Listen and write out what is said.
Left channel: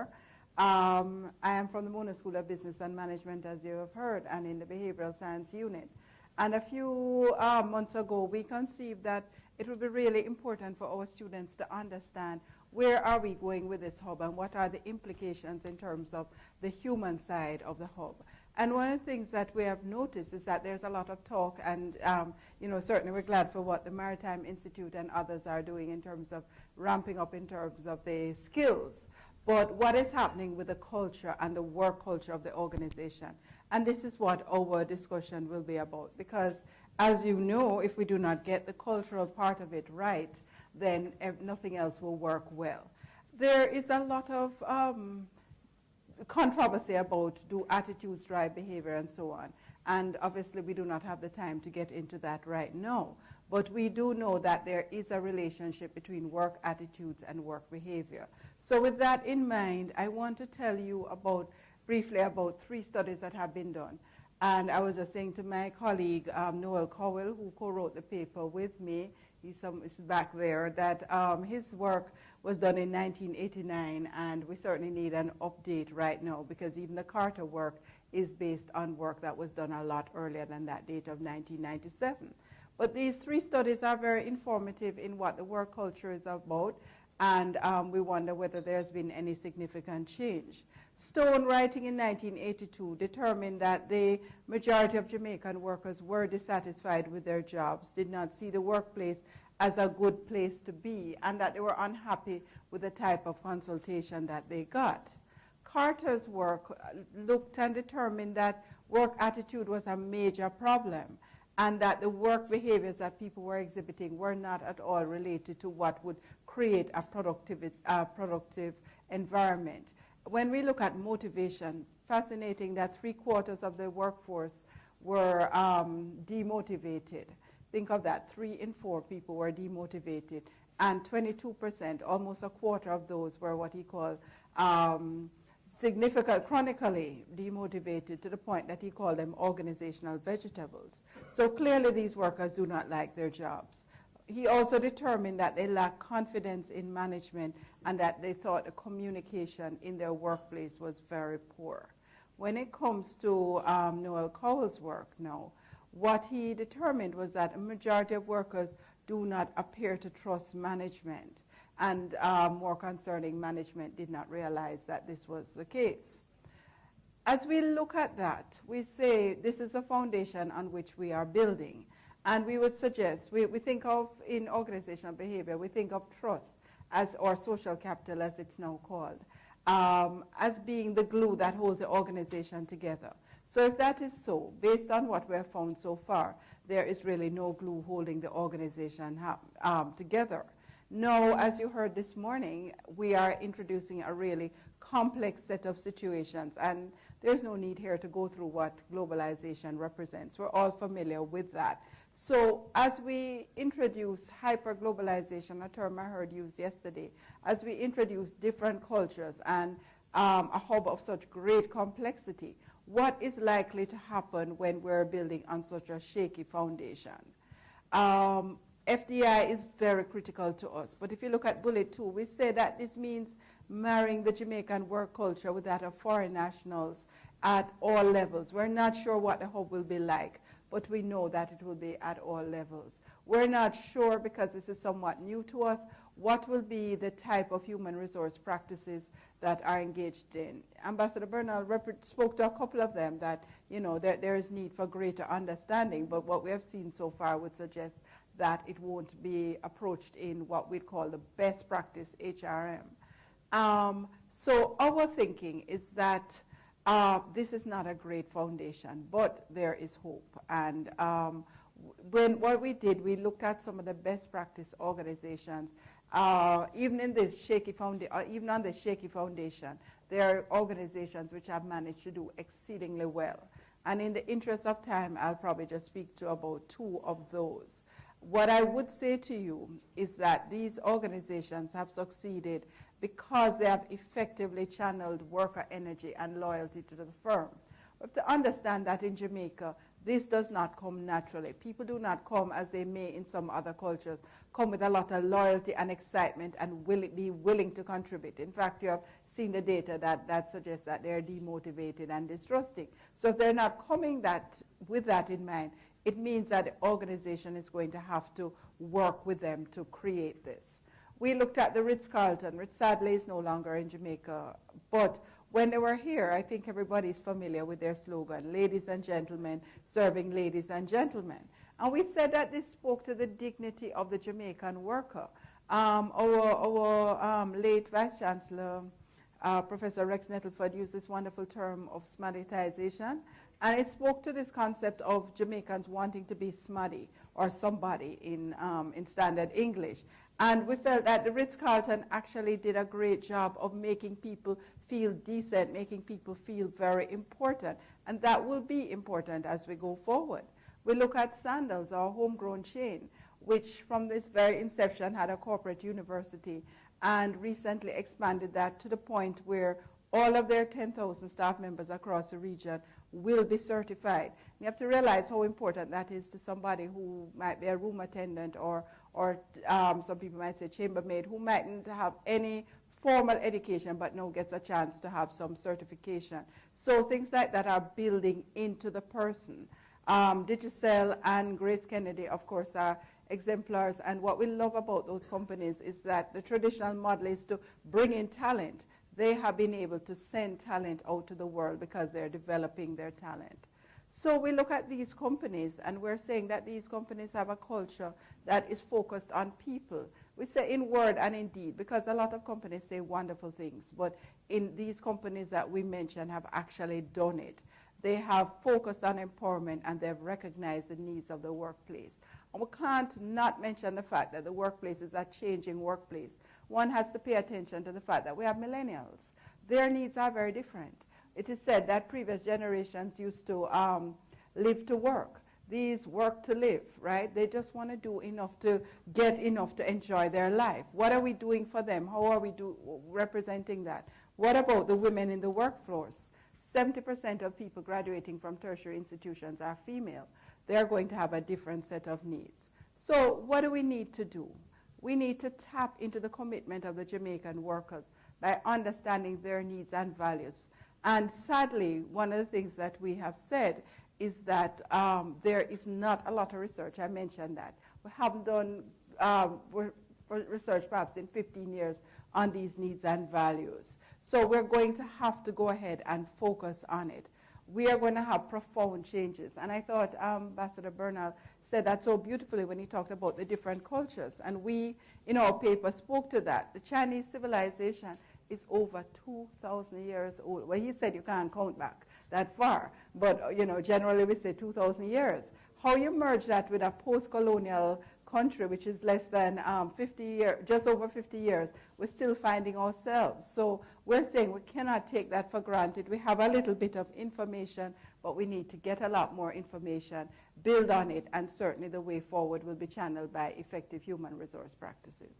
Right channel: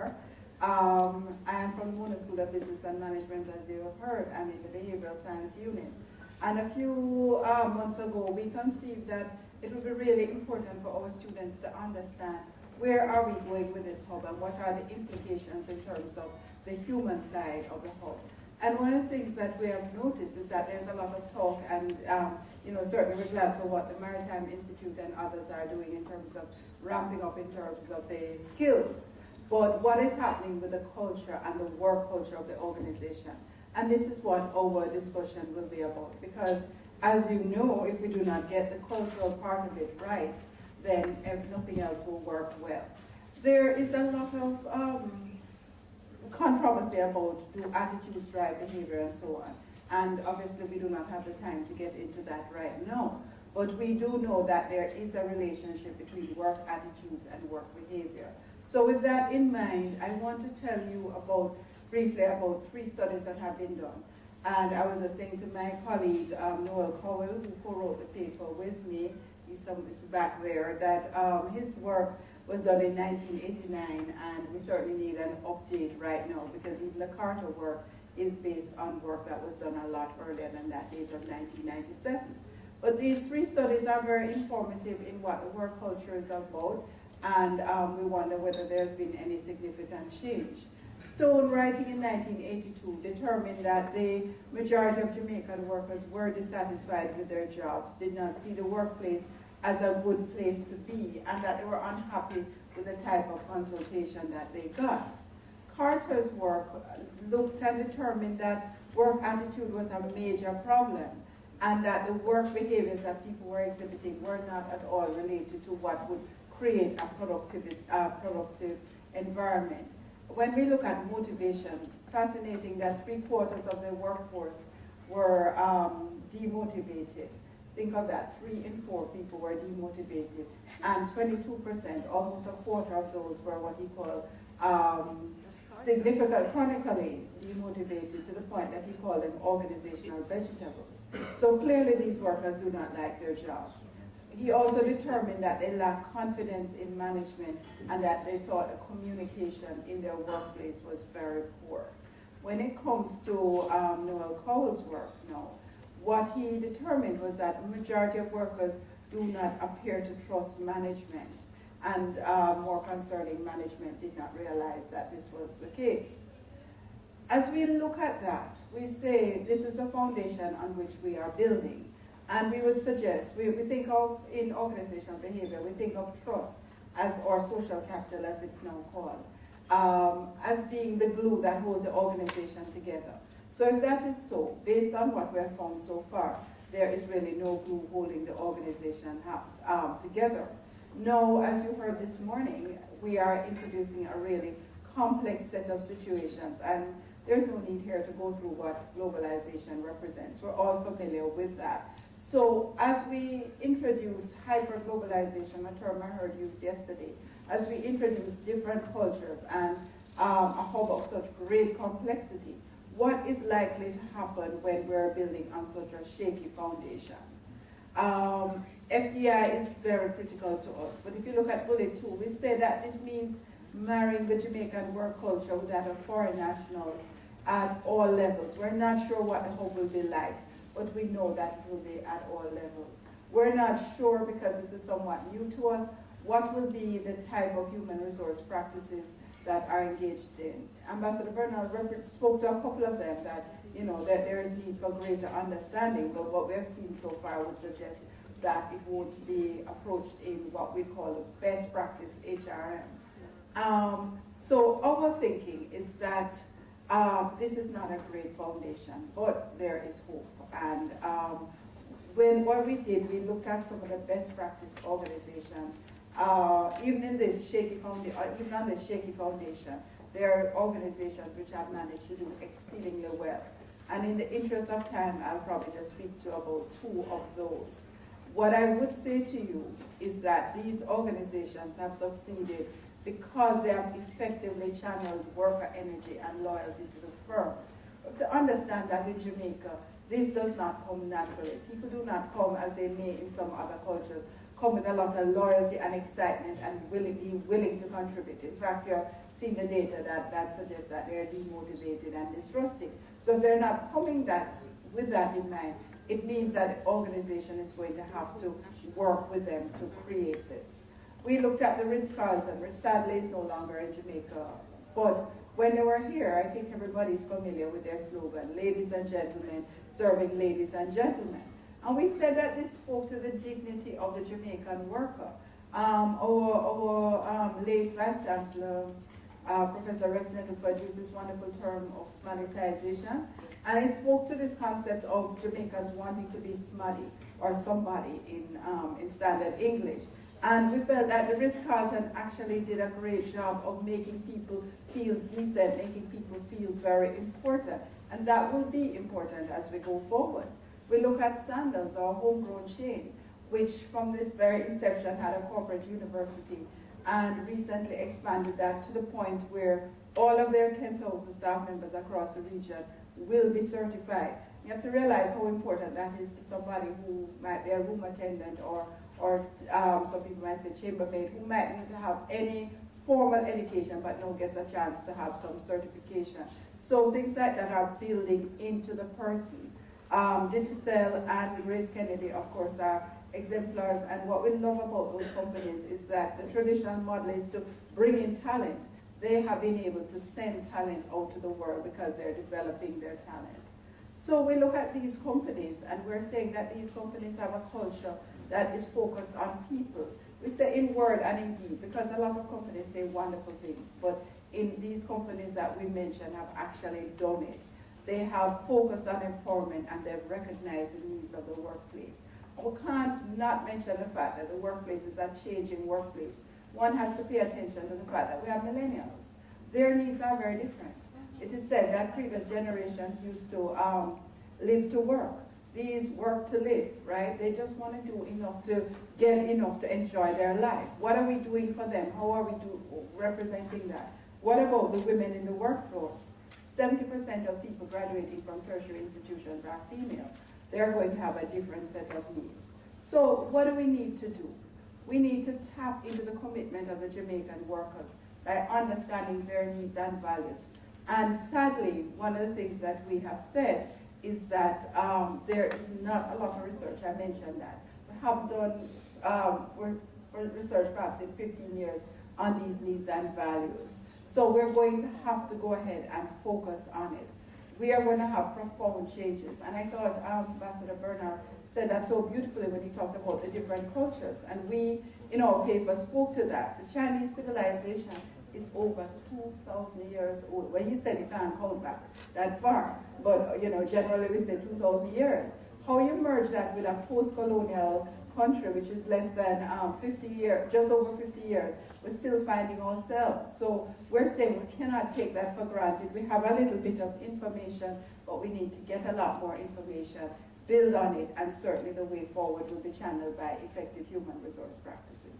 here. I am from the Mona School of Business and Management, as you have heard, and in the Behavioral Science Unit. And a few months ago, we conceived that it would be really important for our students to understand where are we going with this hub and what are the implications in terms of the human side of the hub. And one of the things that we have noticed is that there's a lot of talk, and certainly we're glad for what the Maritime Institute and others are doing in terms of ramping up in terms of the skills. But what is happening with the culture and the work culture of the organization? And this is what our discussion will be about, because as you know, if we do not get the cultural part of it right, then nothing else will work well. There is a lot of controversy about do attitudes drive behavior and so on. And obviously we do not have the time to get into that right now. But we do know that there is a relationship between work attitudes and work behavior. So with that in mind, I want to tell you briefly about 3 studies that have been done. And I was just saying to my colleague, Noel Cowell, who co-wrote the paper with me, he's back there, that his work was done in 1989, and we certainly need an update right now, because even the Carter work is based on work that was done a lot earlier than that date of 1997. But these 3 studies are very informative in what the work culture is about, and we wonder whether there's been any significant change. Stone, writing in 1982, determined that the majority of Jamaican workers were dissatisfied with their jobs, did not see the workplace as a good place to be, and that they were unhappy with the type of consultation that they got. Carter's work looked and determined that work attitude was a major problem, and that the work behaviors that people were exhibiting were not at all related to what would create a productive environment. When we look at motivation, fascinating that 3/4 of the workforce were demotivated. Think of that, 3 in 4 people were demotivated, and 22%, almost a quarter of those were what he called chronically demotivated, to the point that he called them organizational vegetables. So clearly these workers do not like their jobs. He also determined that they lack confidence in management and that they thought the communication in their workplace was very poor. When it comes to Noel Cowell's work now, what he determined was that the majority of workers do not appear to trust management, and more concerning, management did not realize that this was the case. As we look at that, we say this is a foundation on which we are building. And we would suggest, we think of, in organizational behavior, we think of trust as, or social capital as it's now called, as being the glue that holds the organization together. So if that is so, based on what we have found so far, there is really no glue holding the organization together. Now, as you heard this morning, we are introducing a really complex set of situations, and there's no need here to go through what globalization represents. We're all familiar with that. So as we introduce hyperglobalization, a term I heard used yesterday, as we introduce different cultures and a hub of such great complexity, what is likely to happen when we're building on such a shaky foundation? FDI is very critical to us, but if you look at bullet 2, we say that this means marrying the Jamaican work culture with that of foreign nationals at all levels. We're not sure what the hub will be like, but we know that it will be at all levels. We're not sure, because this is somewhat new to us, what will be the type of human resource practices that are engaged in. Ambassador Bernal spoke to a couple of them that there is need for greater understanding, but what we have seen so far would suggest that it won't be approached in what we call the best practice HRM. So our thinking is that this is not a great foundation, but there is hope. And what we did, we looked at some of the best practice organizations. Even in this shaky even on this shaky foundation, there are organizations which have managed to do exceedingly well. And in the interest of time, I'll probably just speak to about 2 of those. What I would say to you is that these organizations have succeeded because they have effectively channeled worker energy and loyalty to the firm. But to understand that in Jamaica, this does not come naturally. People do not come as they may in some other cultures, come with a lot of loyalty and excitement and be willing to contribute. In fact, you have seen the data that suggests that they're demotivated and distrusting. So if they're not coming with that in mind, it means that the organization is going to have to work with them to create this. We looked at the Ritz-Carlton, which sadly is no longer in Jamaica, but when they were here, I think everybody's familiar with their slogan, ladies and gentlemen, serving ladies and gentlemen. And we said that this spoke to the dignity of the Jamaican worker. Our late Vice Chancellor, Professor Rex Nettleford, used this wonderful term of smaditization, and it spoke to this concept of Jamaicans wanting to be smutty or somebody in standard English. And we felt that the Ritz-Carlton actually did a great job of making people feel decent, making people feel very important. And that will be important as we go forward. We look at Sandals, our homegrown chain, which from this very inception had a corporate university and recently expanded that to the point where all of their 10,000 staff members across the region will be certified. You have to realize how important that is to somebody who might be a room attendant or some people might say chambermaid, who might need to have any formal education but now gets a chance to have some certification. So things like that are building into the person. Digicel and Grace Kennedy, of course, are exemplars, and what we love about those companies is that the traditional model is to bring in talent. They have been able to send talent out to the world because they're developing their talent. So we look at these companies, and we're saying that these companies have a culture that is focused on people. We say in word and in deed, because a lot of companies say wonderful things, but in these companies that we mentioned have actually done it. They have focused on empowerment and they've recognized the needs of the workplace. And we can't not mention the fact that the workplace is a changing workplace. One has to pay attention to the fact that we have millennials. Their needs are very different. It is said that previous generations used to live to work. These work to live, right? They just want to do enough to get enough to enjoy their life. What are we doing for them? How are we representing that? What about the women in the workforce? 70% of people graduating from tertiary institutions are female. They're going to have a different set of needs. So what do we need to do? We need to tap into the commitment of the Jamaican worker by understanding their needs and values. And sadly, one of the things that we have said is that there is not a lot of research. I mentioned that. We have done research perhaps in 15 years on these needs and values. So we're going to have to go ahead and focus on it. We are going to have profound changes. And I thought Ambassador Bernal said that so beautifully when he talked about the different cultures. And we, in our paper, spoke to that. The Chinese civilization is over 2,000 years old. Well, he said you can't count back that far, but generally we say 2,000 years. How you merge that with a post-colonial country, which is less than 50 years, just over 50 years, we're still finding ourselves. So we're saying we cannot take that for granted. We have a little bit of information, but we need to get a lot more information, build on it, and certainly the way forward will be channeled by effective human resource practices.